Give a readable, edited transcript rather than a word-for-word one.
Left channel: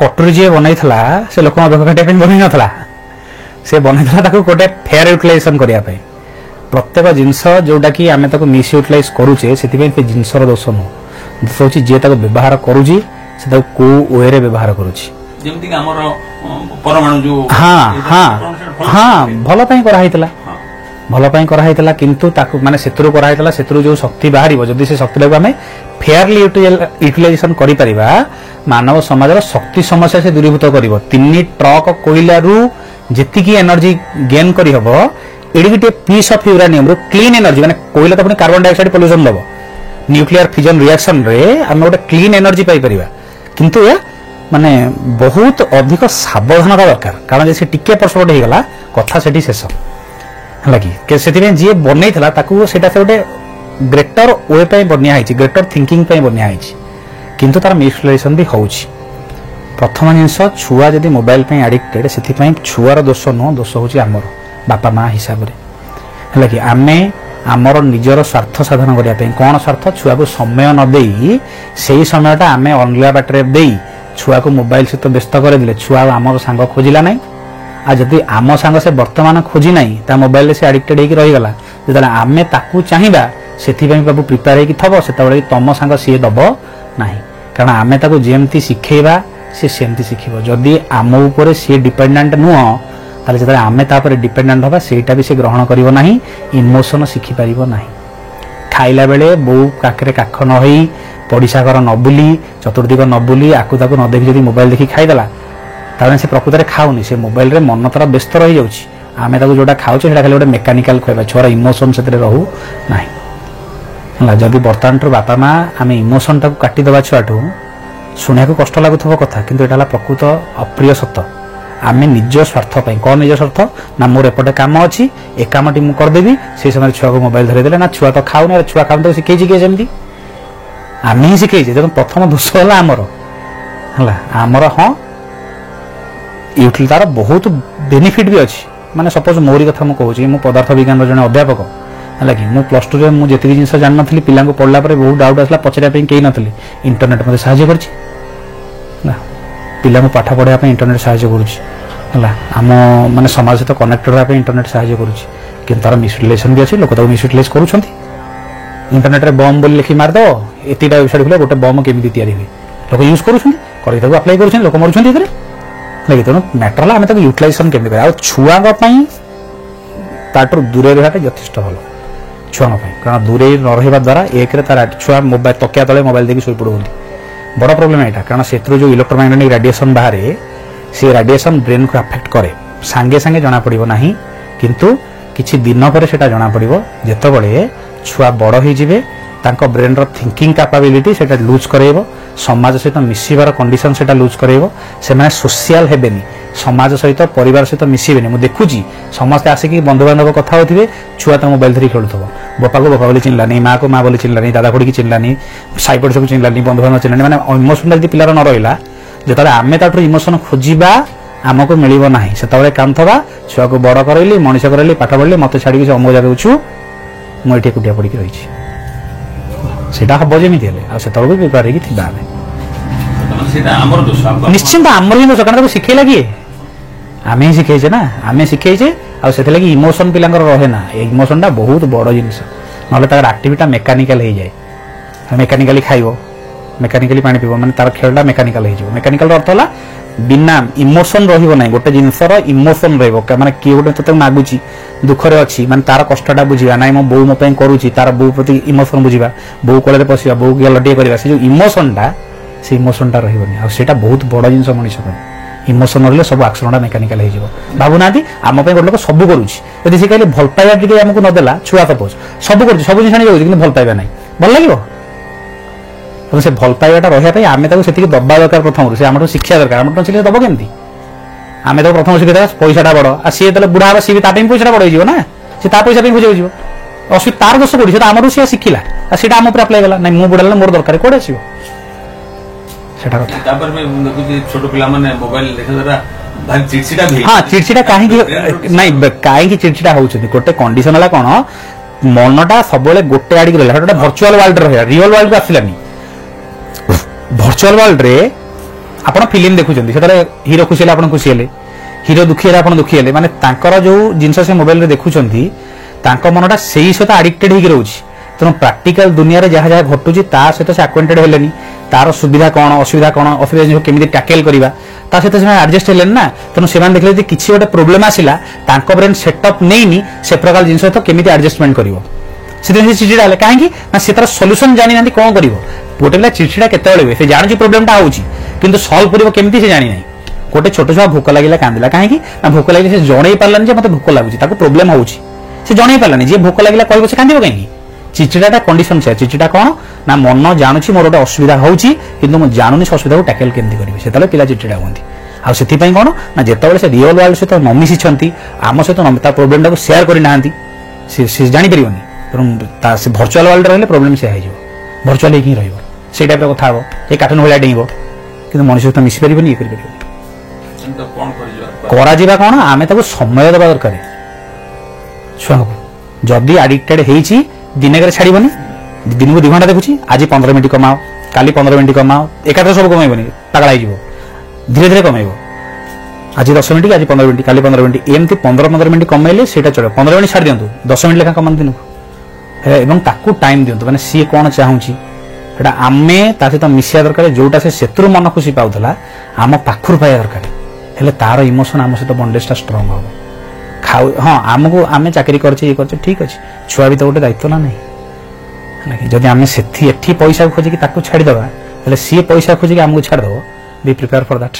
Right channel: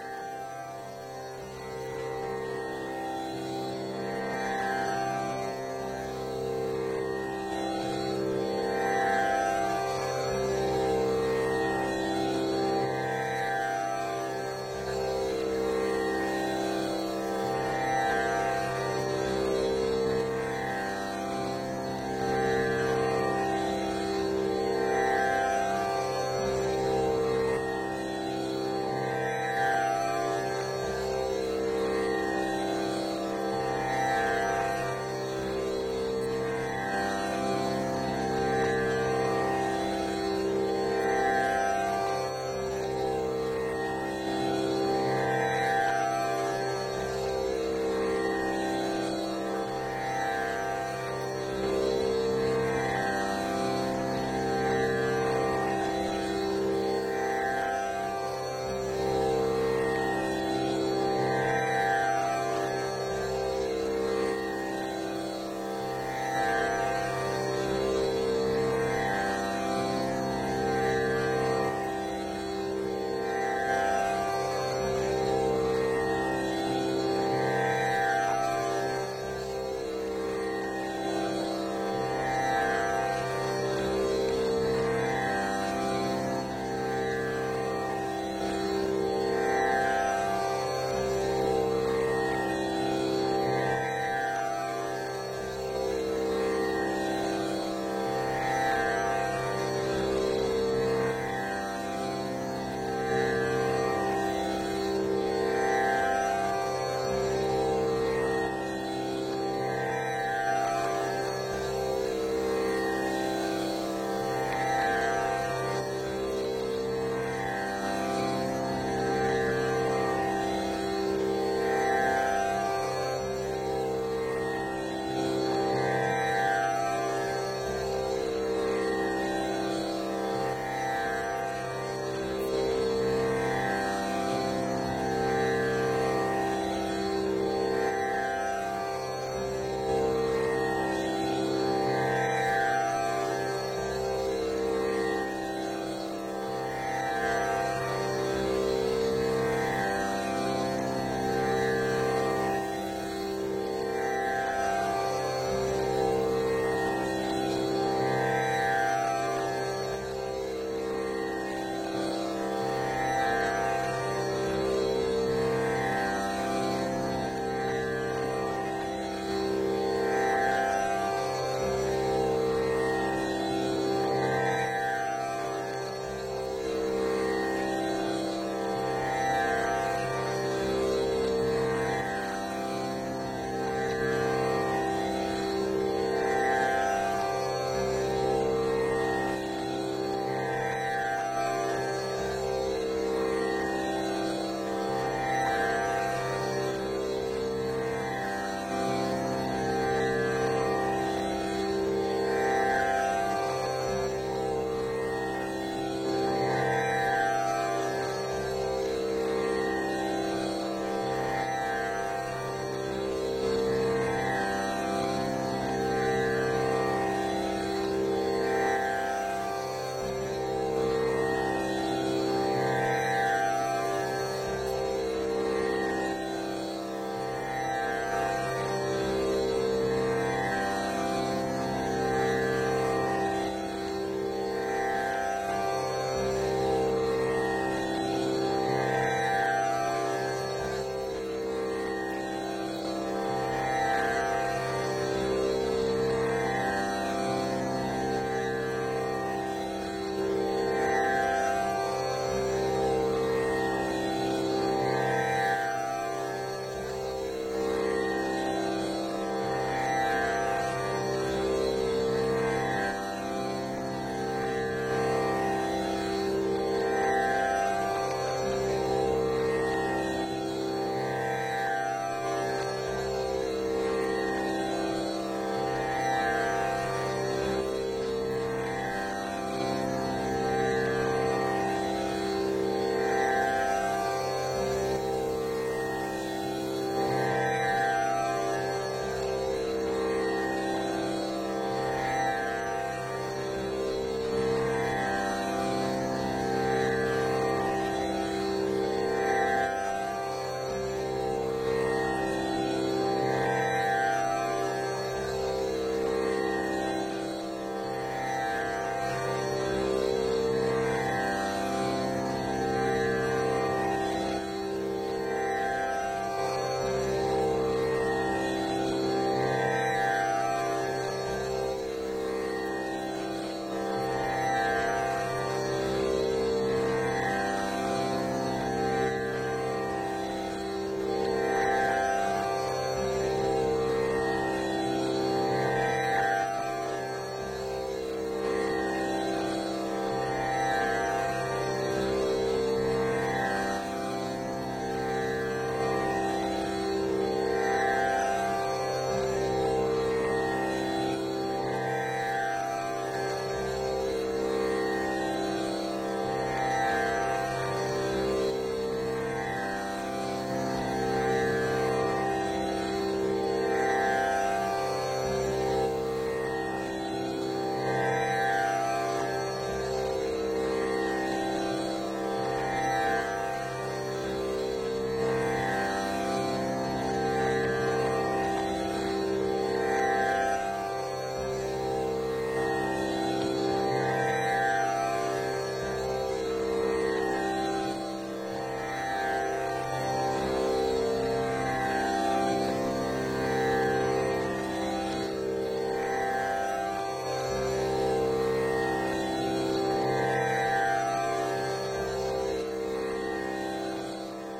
कटोरी जी बनई से लोक काटा बन नाला से बनई गोटे फेयर यूटिलाइजेशन करने प्रत्येक जिनस जोटा कि आम मिस यूटिलाइज करुचे से जिनसर दोष नुह दोष हूँ जी व्यवहार करुच्ची से कौ वे व्यवहार करुच्ची हाँ हाँ हाँ भलपाई कराइला भलपाई कराइला किंतु माने सेतुरु कराइला सेतुरु जो शक्ति बाहर जदि से शक्ति आम फेयरली यूटिलाइजेशन करिपरिबा मानव समाजर शक्ति समस्या से दूरीभूत कर 3 ट्रक कोईला जी एनर्जी गेन कर एडिटे piece of uranium clean energy माने कोईला तो पुनी कार्बन डाइऑक्साइड पोल्यूशन दबो न्यूक्लियर फिजन रिएक्शन रे हम गोटे क्लीन एनर्जी पाई परिबा किंतु या माने बहुत अधिक सावधानता दरकार कारण जे टिके परसपट हो गला कथा सेठी शेष हला कि सेति जे बनैथला ताकू सेटा से गोटे ग्रेटर वे पे बनिया है ग्रेटर थिंकिंग पे बनिया है किंतु तार मिसयूटिलाइजेशन भी होउछि प्रथम जिनस छुआ जदि मोबाइल पे एडिक्टेड से छुआर दोष नुह दोष हूँ आमर बापा माँ हिसाब से है कि आम आमर निजर स्वार्थ साधन करने कौन स्वार्थ छुआ को समय न दे से समयटा आम अलग बाटर दे छुआ को मोबाइल सहित व्यस्त करदे छुआ आमर सांग खोजिला ना आ जदि आम सांग से वर्तमान खोजी ना मोबाइल से एडिक्टेड होकर रहीगला जो आम ताकू चाहिए से बाबू प्रिपेयर होकर से तुम सांग सी दब ना कारण आम ताकू जमती शिखेबा सी सेमती शिखिब जदि आम उपर सी डिपेंडेंट नुह ताले जब आम तापर डिपेंडेंट हवा सेटा भी से ग्रहण करिवो नाही इमोशन शिखि पारिबो नाही खाइला बेले बो काकरे काख न होई पड़िसा घर न बुली चतुर्दिक न बुली आकु ताकु न देखि जदि मोबाइल देखि खाइदला ताने से प्रकृत रे खाउनी से मोबाइल रे मन तार व्यस्त रही जाउची आमे ताकु जोटा खाउचे सेटा खाली गोटे मेकानिकल खोइबा छोरा इमोशन सेतरे रहू नाही हला जदि बर्तमान बापा माँ आम इमोशन टाकु काटी दबा छुआटू शुणा कष्ट लगुव कथा किंतु एटा प्रकृत अप्रिय सत्य आम निज स्वार्थ कौन निज स्वार्थ ना मोर एपटे कम अच्छी ए कमटी मुझे करदेवी से समय छुआ को मोबाइल धरदे ना छुआ तो खाऊनी छुआ खाऊ तो शिखे किए जमी आम ही शिखे देखो प्रथम दोष है आमर हाँ यूटिल तार बहुत बेनिफिट भी अच्छी माने सपोज मोरी कथा मुझे कहूँ मु पदार्थ विज्ञान जन अध्यापक है कि मुझे प्लस टू में मुझे जिन जान नी पिला पढ़ला बहुत डाउट आसला पचारे कहीं नी इंटरनेट मत साहय कर पिला पाठ पढ़ाई इंटरनेट साहय करम माने समाज सहित कनेक्टेड होगा इंटरनेट साहय कर तार मिसयूटिलाइजेशन भी अच्छी लोक मिसयूटिलाइज कर इंटरनेट रे बम बोली लिखी मारद एतिटा वेबसाइट खोले गोटे बम केमी तैयारी हुए लोक यूज कर अप्लाई कर लोक मरुँच तेणु मैटर आम यूटिलाइजेशन केमी कर छुआ दूरे रहा यथेष भल छुआ कारण दूरे न रहा द्वारा एक छुआ मोबाइल तकिया तले मोबाइल देखिए शोपड़ बड़ प्रोब्लेम यहाँ कारण से जो इलेक्ट्रोमैग्नेटिक रेडिएशन बाहर से रेडिएशन ब्रेन को अफेक्ट करे सांगे सांगे जना पड़ो ना किंतु किछि दिन पर सेटा जना पड़ो जितेबाला छुआ बड़ हो ब्रेन रो थिंकिंग कैपेबिलिटी सेटा लूज करेबो समाज सहित मिसिबार कंडीशन सेटा लूज करेबो से माने सोशल हेबेनी समाज सहित परिवार सहित मिसिबेनी मु देखुची समस्त आसिकी बंधु बांधव कथा होथिबे छुआ तो मोबाइल धरी खेलुथबो बापा को बापा बोली चिन्हलानी माँ को माँ बोली चिन्हलानी दादा खुड़ी की चिन्हलानी साई पड़ोस को चिन्हलानी बंधु बांधव चिन्हलानी माने इमोशन यदि पिलार न रहिला जेतले आमे ताठु इमोशन खोजिबा आमको मिलिबो नाही सेतबेले काम थबा छुआ को बड़ करैली मनीष करैली पाठ पढ़ली मते छाड़ी के अमो जगह छु मु एठी कुटिया पड़ी के रहिछि सेटा हबो जेमिति हेले आ सेतबेले भी प्रिपेयर हेकि थिबा आमे सेटा हमर दोष निश्चित हमर ही दोष कारण शिखेला किए आम ही शिखेचे ना आम शिखेचे आगे इमोशन पिला रहे ना इमोशनटा बहुत बड़ जिनिस ना आक्टिविटा मेकानिकल हो जाए मेकानिकाली खाइब मेकानिकाली पानी पीब माने तार खेलटा मेकानिकल हो मेकानिकल अर्थ है बिना इमोशन रही गोटे जिनसर इमोशन रही किए गोटे तो मागुची दुखरे अच्छी माने तार कष्टा बुझा ना मो बो मो करुच्ची तार बो प्रति इमोशन बुझा बो कोल पशिया बो गलटे करवा से जो इमोशनटा से इमोशनटा रही बहुत बड़ जिन मनीष इमोशन रही सब आक्सनटा मेकानिकल हो भावुना आम गोटे लोक सब करुच्ची से कहले भल पाइबा टी आमको नदेला छुआ सपोज सब कर सब जिन भल पाइबा ना भल लगे तो से भल पाइबाटा रही आम से दबा दरकार प्रथम से आम शिक्षा दरकार आम शिक्षा दब केमती आम तो प्रथम शिखा पैसाटा बड़ आ सी जो बुढ़ा हाँ सी भी पैसा बड़ हो ना सी पैसा खोज असुविधा तार दोष कौटी आम सी शिखला सीटा आम उपर अप्लाई कला ना मु बुढ़ा मोर दरकार कौटे आसो हाँ चिड़चिड़ा कहीं चिड़चिड़ा होती गोटे कंडीशन है कौन मनटा सब गोटे आड़ रहा गोटे भर्चुआल वर्ल्ड रहा रियल वर्ल्ड को आसलानी भर्चुआल वर्ल्ड रे ଆପଣ ଫିଲ୍ମ ଦେଖୁଛନ୍ତି ସେତେବେଳେ ହିରୋ ଖୁସି ହେଲେ ଆପଣ ଖୁସି ହେଲେ, ହିରୋ ଦୁଃଖୀ ହେଲେ ଆପଣ ଦୁଃଖୀ ହେଲେ, ମାନେ ତାଙ୍କର ଯୋଉ ଜିନିଷ ସେ ମୋବାଇଲରେ ଦେଖୁଛନ୍ତି ତାଙ୍କ ମନଟା ସେଇ ସହିତ ଆଡିକ୍ଟେଡ ହେଇକି ରହୁଛି। ତେଣୁ ପ୍ରାକ୍ଟିକାଲ ଦୁନିଆରେ ଯାହା ଯାହା ଘଟୁଛି ତା ସହିତ ସେ ଆକ୍ୱେଣ୍ଟେଡ ହେଲେନି, ତାର ସୁବିଧା କଣ ଅସୁବିଧା କଣ, ଅସୁବିଧା କେମିତି ଟ୍ୟାକେଲ କରିବା ତା ସହିତ ସେମାନେ ଆଡଜଷ୍ଟ ହେଲେନି ନା। ତେଣୁ ସେମାନେ ଦେଖିଲେ ଯଦି କିଛି ଗୋଟେ ପ୍ରୋବ୍ଲେମ ଆସିଲା ତାଙ୍କ ବ୍ରେନ ସେଟଅପ୍ ନେଇନି ସେ ପ୍ରକାର ଜିନିଷ ସହିତ କେମିତି ଆଡଜଷ୍ଟମେଣ୍ଟ କରିବ, ସେଥିପାଇଁ ସେ ଚିଡଚିଡା ହେଲେ। କାହିଁକି ନା ସେ ତାର ସଲ୍ୟୁସନ ଜାଣିନାହାନ୍ତି କଣ କରିବ। ଗୋଟେ ପିଲା ଚିଡଚିଡା କେତେବେଳେ ହୁଏ, ସେ ଜାଣୁଛି ପ୍ରୋବ୍ଲେମଟା ହଉଛି କିନ୍ତୁ ସଲ୍ଭ କରିବ କେମିତି ସେ ଜାଣିନାହିଁ। ଗୋଟେ ଛୋଟ ଛୁଆ ଭୋକ ଲାଗିଲା କାନ୍ଦିଲା, କାହିଁକି ନା ଭୋକ ଲାଗିଲେ ସେ ଜଣେଇ ପାରିଲାନି ଯେ ମତେ ଭୋକ ଲାଗୁଛି, ତାକୁ ପ୍ରୋବ୍ଲେମ ହଉଛି, ସେ ଜଣେଇ ପାରିଲାନି। ଯିଏ ଭୋକ ଲାଗିଲା କହିବ ସେ କାନ୍ଦିବ କାହିଁକି? ଚିଚିଡାଟା କଣ୍ଡିସନ ସେୟା। ଚିଚିଡା କଣ ନା ମନ ଜାଣୁଛି ମୋର ଗୋଟେ ଅସୁବିଧା ହଉଛି କିନ୍ତୁ ମୁଁ ଜାଣୁନି ସେ ଅସୁବିଧାକୁ ଟ୍ୟାକେଲ କେମିତି କରିବି, ସେତେବେଳେ ପିଲା ଚିଚିଡା ହୁଅନ୍ତି। ଆଉ ସେଥିପାଇଁ କଣ ନା ଯେତେବେଳେ ସେ ରିଅଲ ୱାର୍ଲଡ ସହିତ ନ ମିଶିଛନ୍ତି, ଆମ ସହିତ ତା ପ୍ରୋବ୍ଲେମଟାକୁ ସେୟାର କରିନାହାନ୍ତି, ସେ ଜାଣିପାରିବନି। ତେଣୁ ସେ ଭର୍ଚୁଆଲ ୱାର୍ଲଡ ରହିଲେ ପ୍ରୋବ୍ଲେମ ସେୟା ହେଇଯିବ, ଭର୍ଚୁଆଲ ହେଇକି ହିଁ ରହିବ, ସେଇ ଟାଇପର କଥା ହବ, ଏଇ କାର୍ଟୁନ ଭଳିଆ ଡେଇଁବ କିନ୍ତୁ ମଣିଷ ସହିତ ମିଶି ପାରିବନି, ଇଏ କରିପାରିବନି। କରାଯିବା କଣ, ଆମେ ତାକୁ ସମୟ ଦେବା ଦରକାର ଛୁଆଙ୍କୁ। ଯଦି ଆଡିକ୍ଟେଡ ହେଇଛି ଦିନକରେ ଛାଡିବନି, ଦିନକୁ 2 ଘଣ୍ଟା ଦେଖୁଛି, ଆଜି 15 ମିନିଟ୍ କମାଅ, କାଲି 15 ମିନିଟ୍ କମାଅ, ଏକାଥରେ ସବୁ କମେଇବନି, ପାଗଳା ହେଇଯିବ, ଧୀରେ ଧୀରେ କମେଇବ। ଆଜି 10 ମିନିଟ୍, ଆଜି 15 ମିନିଟ୍, କାଲି 15 ମିନିଟ୍, ଏମିତି 15 ମିନିଟ୍ କମେଇଲେ ସେଇଟା ଚଳିବ। 15 ମିନିଟ୍ ଛାଡି ଦିଅନ୍ତୁ, 10 ମିନିଟ୍ ଲେଖା କମାନ୍ତୁ ଦିନକୁ, ଏବଂ ତାକୁ ଟାଇମ ଦିଅନ୍ତୁ। ମାନେ ସିଏ କଣ ଚାହୁଁଛି ସେଟା ଆମେ ତା ସହିତ ମିଶିବା ଦରକାର, ଯୋଉଟା ସେ ସେଥିରୁ ମନ ଖୁସି ପାଉଥିଲା ଆମ ପାଖରୁ ପାଇବା ଦରକାର, ହେଲେ ତାର ଇମୋସନ ଆମ ସହିତ ବଣ୍ଡେଜଟା ଷ୍ଟ୍ରଙ୍ଗ ହବ। ହଁ ଆମକୁ ଆମେ ଚାକିରି କରିଛେ ଇଏ କରିଛେ ଠିକ ଅଛି, ଛୁଆ ବି ତ ଗୋଟେ ଦାୟିତ୍ୱ ନା ନାହିଁ। ଯଦି ଆମେ ଏଠି ପଇସା ଖୋଜିକି ତାକୁ ଛାଡ଼ିଦେବା ହେଲେ ସିଏ ପଇସା ଖୋଜିକି ଆମକୁ ଛାଡ଼ିଦେବ। ବି ପ୍ରିପେୟାର ଫର ଦ୍ୟାଟ୍।